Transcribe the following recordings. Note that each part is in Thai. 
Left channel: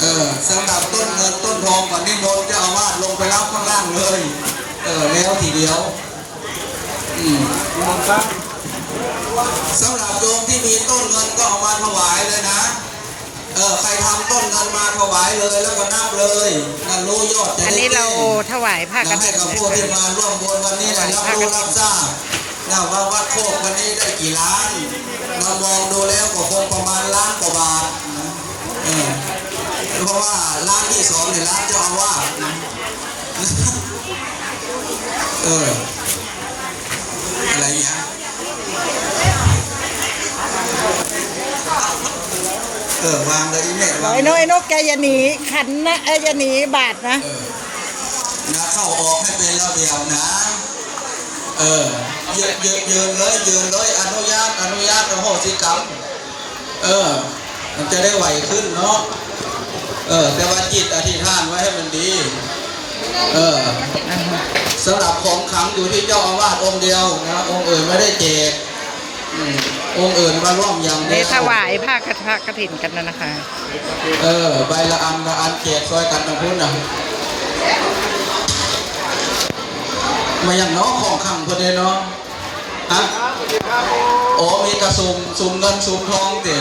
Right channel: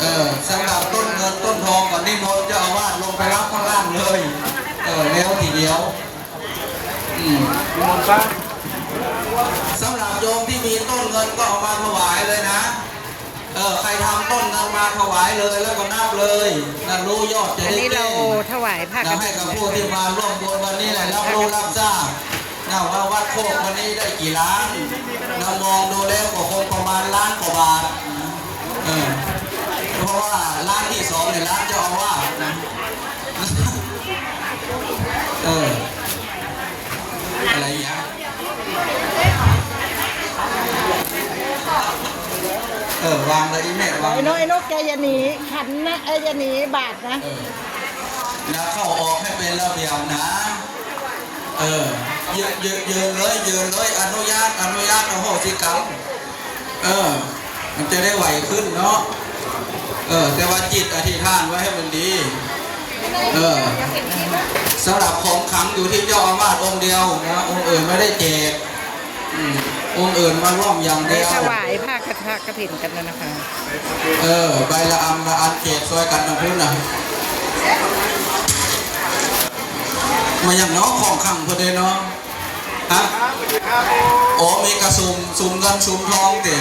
เออสำหรับต้นเงินต้นทองก่อนนี่โนนเจะเอาวาดลงไปรับข้างล่างเลย เออแล้วทีเดียวอืมสำหรับโยมที่มีต้นเงินก็เอามาถวายเลยนะ เออใครทำต้นเงินมาถวายเลยแล้วก็นับเลยนั่นรู้ยอดจะอันได้นี้เราแก้ถวายผ้ากนะฐิให้นกับนะผู้ที่คะมาร่วมบุญวันนี้นะรับรู้รับทราบนะว่าวัดโคกวันนี้ได้กี่ล้านเรามองดูแล้วก็คง ว่าล้านที่สองเนี่ยล้านเจ้าอาวาสนะเอออะไรอย่างเงี้ยเออวางเลยอีแม่วางไอ้นกไอ้นกแกอย่าหนีขันนะเอ้อย่าหนีบาทนะนะเข้าออกให้เป็นระเบียบนะ เออยืนยืนยืนเลยยืนเลยอนุญาตอนุญาตอโหสิกรรมเออ มันจะได้ไหวขึ้นเนาะ เออ แต่ว่าจิตอธิษฐานไว้ให้มันดี เออสำหรับของขลังอยู่ที่เจ้าอาวาสองค์เดียวนะ องค์อื่นไม่ได้แจกอืมองค์อื่นมาร่วมอย่างเดีได้ยวถวายผ้ากฐผ้ากฐินกันแล้วนะคะ เออ ใบละอันละอันแจกซอยกันนะพุ่นนะมาอย่างน้องของขังพอดีเนาะฮะโอ้มีกระสุมสุมเงินสุมทองติ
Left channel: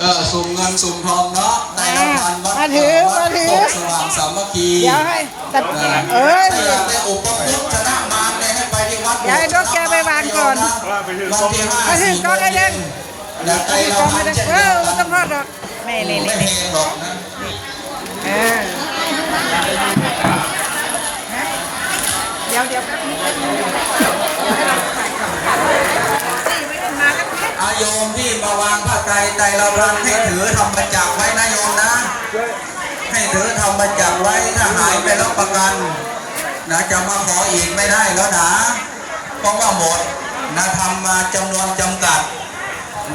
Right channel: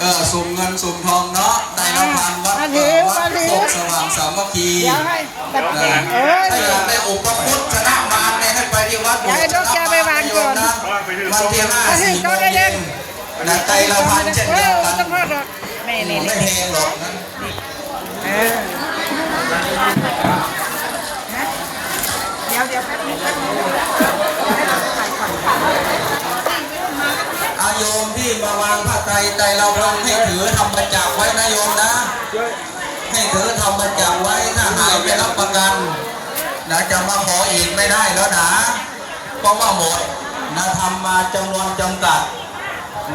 เออสุมเงินสุมทองเนาะได้รางวัลวัดมาถือวัมาดถือโคกสว่างสามัคคีเดี๋ยวให้แต่เออเอ้ย ถ้าอยากได้อุปคุตชนะมารเนี่ยให้ไปที่วัดอย่าให้นกแกไปวางก่อนวันที่ห้ามาถึงสี่ก็โมงได้เล่เย็น นนะไตรละพันเช่นเอเดียอวกันต้องพอดหรอกนี่นี่ไม่นี่แพงหรอกนะเออเดี๋ยวเดี๋ยวแป๊บนึงอา โยมที่มาวางผ้าไตรไตรละพันให้ถือทำประจักษ์ไว้นะโยมนะ ให้ถือทำประจักษ์ไว้ถ้าหายไปรับประกันนะจะมาขออีกไม่ได้แล้วนะเพราะว่าหมดนะทำมาจำนวนจำกัด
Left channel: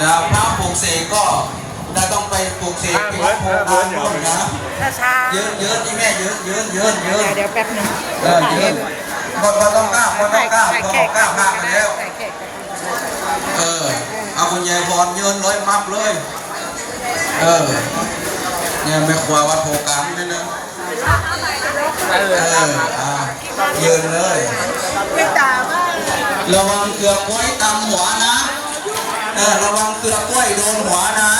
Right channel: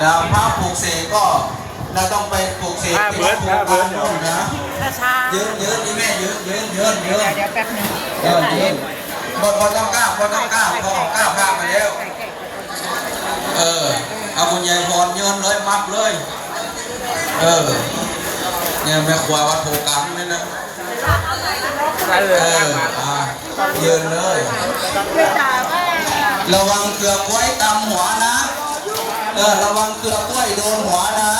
นะพระปลูกเสกก็นะต้องไปปลูกเสกที่วัดโพธิ์การนู่นนะช้าช้าเยอะเยอะนี่แม่เยอะเยอะเยอะเยเดี๋ยวอะเดี๋ยวแป๊บนึงเออเยอะหมดหมดต้องกล้าหมดต้องกล้าหมดต้องกล้าพาไปแล้วเออ เอาคุณยายพรยืนเลยมับเลย เออ เนี่ยไม่ควาวัดโพกรรมเลยนะเอออ่ายืนเลย ระวังเกือกกล้วยตำหัวนะ เออ ระวังเกือกกล้วยโดนหัวนะ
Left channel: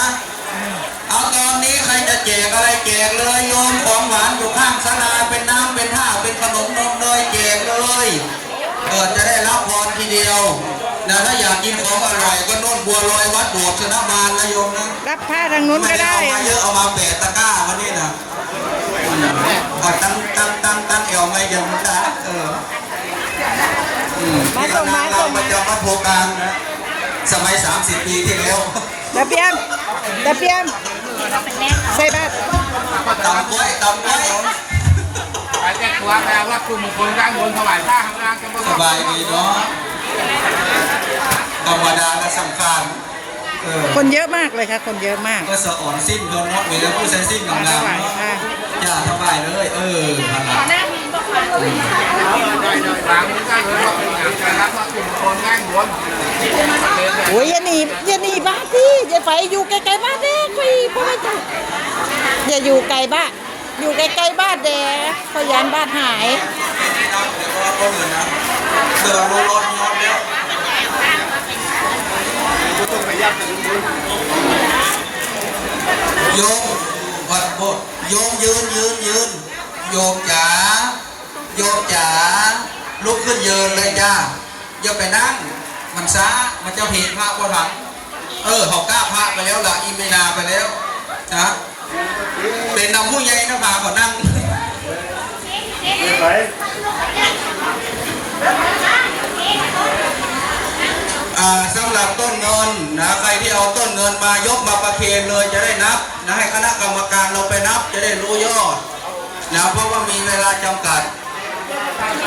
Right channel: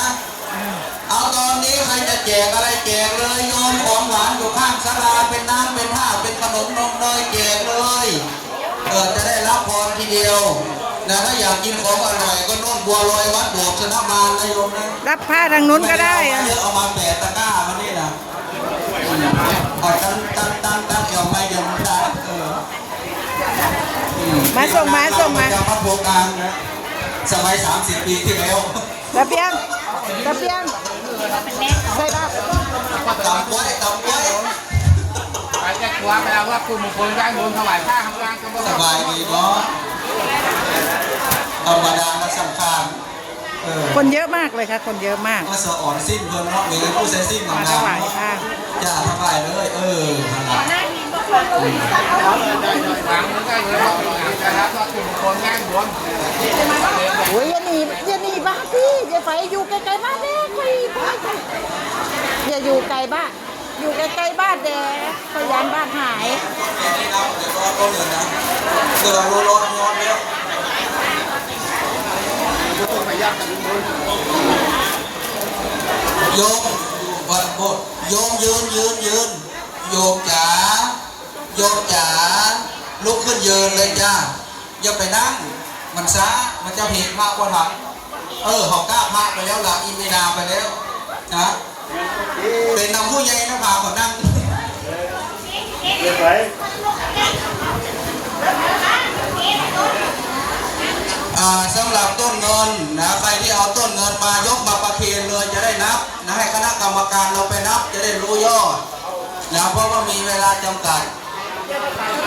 เอาตอนนี้ใครจะแจกอะไรแจกเลยโยนของหวานอยู่ข้างศาลาเป็นน้ำเป็นผ้าเป็นขนมนมเนยแจกเลย เออจะได้รับพรทีเดียว นะถ้าอยากกินของอร่อยก็โน่นบัวลอยวัดโบสถ์ชนะมารนะโยมนะรับผ้าทางนู้นก็ได้ม่อะเอามาเยอะเอามาแปะตะกร้าวันนี้นะอืมเอาตั้งตั้งตั้งตั้งเอวไม่ยังนะเอออืมมาส่งมาส่งมาประจำวัดโพกลางนะสมัย 30 ปีที่แล้วตะเพียงตะเพียงใส่บาตรตำก้อยตำก้อยไปแจ้งความแล้วว่าคุณมงคลด้านบนถวายผ้าข้างล่างก็สบายดีเนาะ ธรรมดาและสำคัญเออคนเยอะมากเลยค่ะ คนเยอะมาก ก็สะอ่อนสิ้นคนเนาะมีแต่ผู้เส้นสิ้นงามๆมาถวายเนาะค่ะ จ้าถวายเลย เออขนาดได้ได้วางนี้ได้เลยว่าจะรับว่าคุณมงคลด้านบนโอ้ยอย่าหนีอย่าหนีบ้านที่อย่าไปอยู่ไกลๆบ้านเด้คุยพ่อจ้ะอย่าอยู่ไกลบ้านอยู่ไกลๆบ้านเด้พยานบ้านหายไม่นับเดี๋ยวก็ต้นเงินนะเสือรูรถยอนแล้ว โยมวัดโบสถ์โยมยืนยืนยืนโยมจ๋าโยมจ๋าลุกขึ้นยืนเลยจ้าอย่าไปนั่ง มันช้ามันจะผิดพระกว่าทันเออเขากล้าพระไปแล้วล่ะอิเมนาไปแล้วนะเป็นนำผู้ใหญ่นะพาเขานั่งอ่า สำหรับต้นเงินนะใครที่เอาต้นเงินมายกมาประเคนเลยจะได้นับนะให้คณะกรรมการเราไปนับจะได้รู้ยอดนะเพราะว่ามีเวลาจำกัด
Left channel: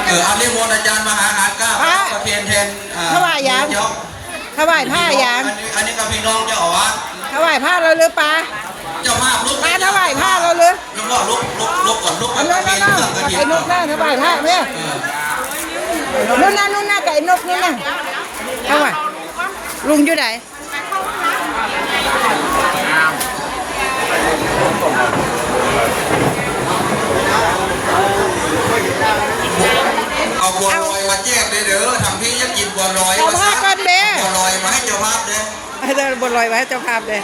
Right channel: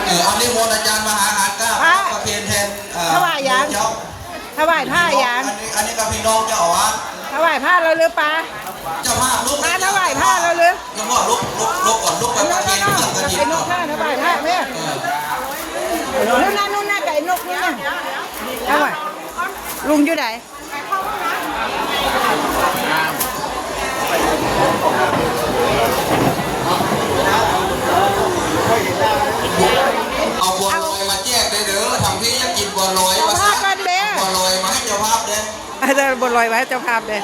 เอออันนี้มนต์อาจารย์มหาหารกล้าอะประเคนแทนอ่ถวายยังเจ้าถวายผ้ายังอันนี้อันนี้กับพี่น้องเจ้าอาวาสถวายผ้าเราหรือปะเจ้าภาพลุกมาถวายผ้าเราหรือแล้วก็ลุกลุกลุกก่อนลุกไปอันปนั้ระนเคนนั่นเครื่องกระถิ่นไอ้นก่อกนแม่ถวายผ้าเนี่ยเออนู่นน่ะนู่นน่ะไก่นกนี่น่ะ ลุงอยู่ไหนเอาบัวลอยมาแจกได้เด้อทำพี่ยังกินบัวลอยมาซะบัวลอยมาให้เจ้าภาพเด้อเด้อบัวลอยมาให้เจ้าภาพเด้อ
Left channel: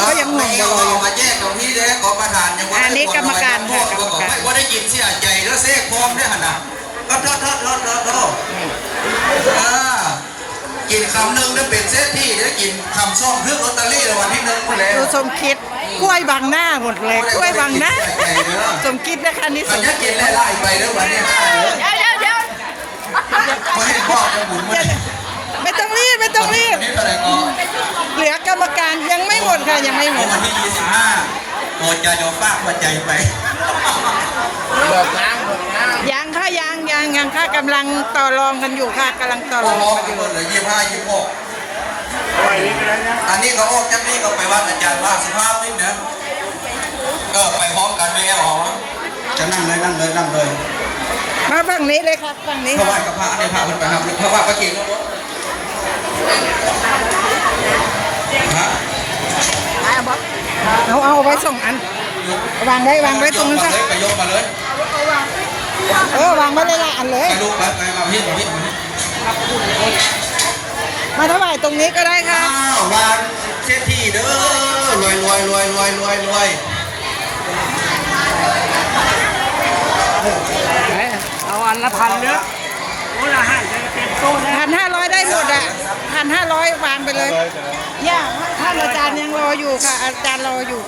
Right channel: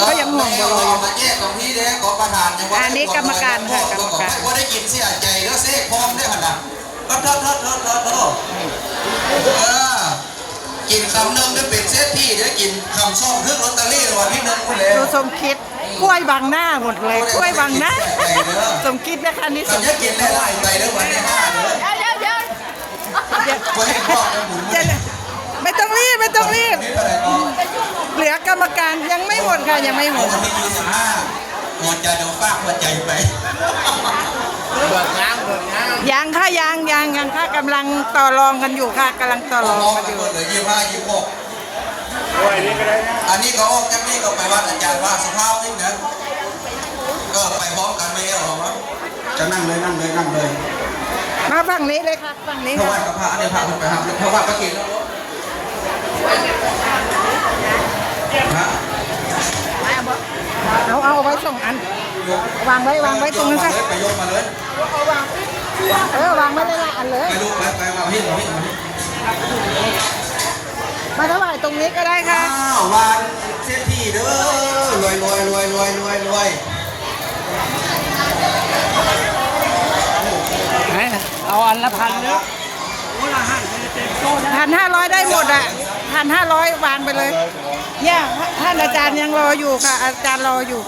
ก็ยังห่วงบัวลอยอยู่มาแจกของพี่เด้อกรรมการยังว่าอันนี้กรรมการค่ะกรรมการว่าได้กินเสียใจแล้วเสกพร้อมได้ขนาดก็ทอดทอดทอดทัดทอด กินคำหนึ่งได้เป็นเซตที่เดี๋ยวกินคำซ่องเพื่อลอตเตอรี่รางวัลที่หนึ่งคุณเลยดูสมคิดกล้วยบังหน้าหมดเลยกล้วยบังหน้าสมคิดนะคะนี่สจะมจะกินไล่ๆไปเด้อวันที่ห้าเด้อเดี๋ยวเดี๋ยวไม่ให้พ่อไปหมุนมาไม่ต้องรีบไม่ต้องรีบ นี่อะไรก็เหลือกรรมการยังไม่หมดค่ะยังไม่หมเอาดวันที่ยี่สิบห้าโอดใจเดี๋ยวฝากหัวใจไปเบิกน้ำเบิกน้ ยังค่ะยังยังยังค่ะกำลังต่อรองกันอยู่ค่ะกำลังต่อรองกันอยู่เหลือยี่สิบห้ายี่สิบหกอันนี้ก็ออกจากนี้ก็ไปวัดอาจารย์ว่าสภาพนี่นะเออไปพร้อมกันไม่เอาหรอจะนั่งเลยนั่งเลยนั่งเลยมาฝั่งนี้เลยครับฝั่งนี้เพราะค่ะว่ากับพระอันนี้พระคนไปครับเพราะว่าก็กินฮะเอาเอาไว้ส่งอันวางไว้วางไว้ตรงนั้นซะไปยกมาเลย เออวางไว้เลยละอันเลยไปลูกไปไปมาพี่พี่มาถวายตรงนี้ก็ได้ค่ะ อ้าววางเช็ดที่เด้อรวยรวยรวยรวยรวยรวยำเอาอันละพันเด้อโอ้ยอาหารเป็นโต๊ะนะพันห้าร้อยได้หมดอะพันห้าร้อยวางไปเลยเนี่ยท่านอาจารย์ยังรออยู่ค่ะ อาจารย์รออยู่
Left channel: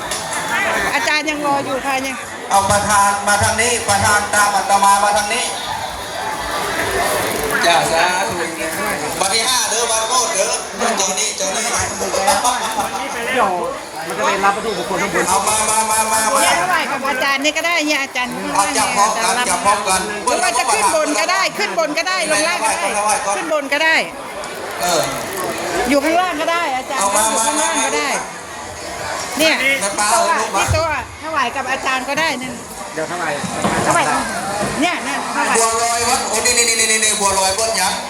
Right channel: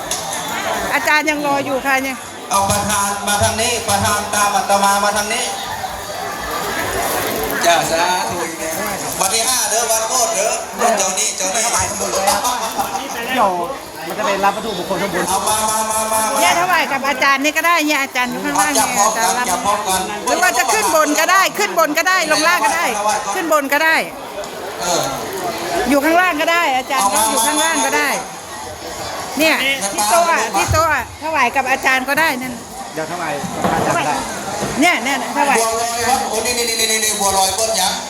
อาจารย์ยังรออยู่ค่ะเนี่ย เอาประธานมาทางนี้ ประธานตามอาตมามาทางนี้จ้าสาธุวันที่ห้าเด้อวันโคตรเด้อเจ้านี้เจ้านี้เดี๋ยวมันก็ได้รับวัตถุมงคลทั้งหมดเอามามามามามาเนี่ยถวายกับอาจารย์นี่ก็ได้เนี่ยอาจารย์ข้างล่างจับเนี่ยพร้อาจารย์รับกันจับพร้อมกันหรือว่าจะขึ้นบนก็ได้ ขึ้นบนก็ได้ ลงล่างก็ได้ ขึ้นบนก็ได้ อยู่ข้างล่างก็ได้ อาจารย์อยู่ข้างล่างก็ได้ เนี่ยมาที่ปาโต๊ะอะลูกมาที่โต๊ะอะถวายกับอาจารย์ก็ได้นั่นเดี๋ยวเท่าไหร่เนี่ยเนี่ยถวายบัวลอยวัดโอ้นี่นี่นี่นี่นี่บัวลอยบนยักษ์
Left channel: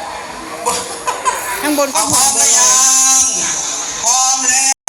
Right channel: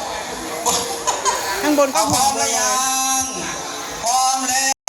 ข้างบนก็เอาพหัร้วอมบัวแล้ลอยว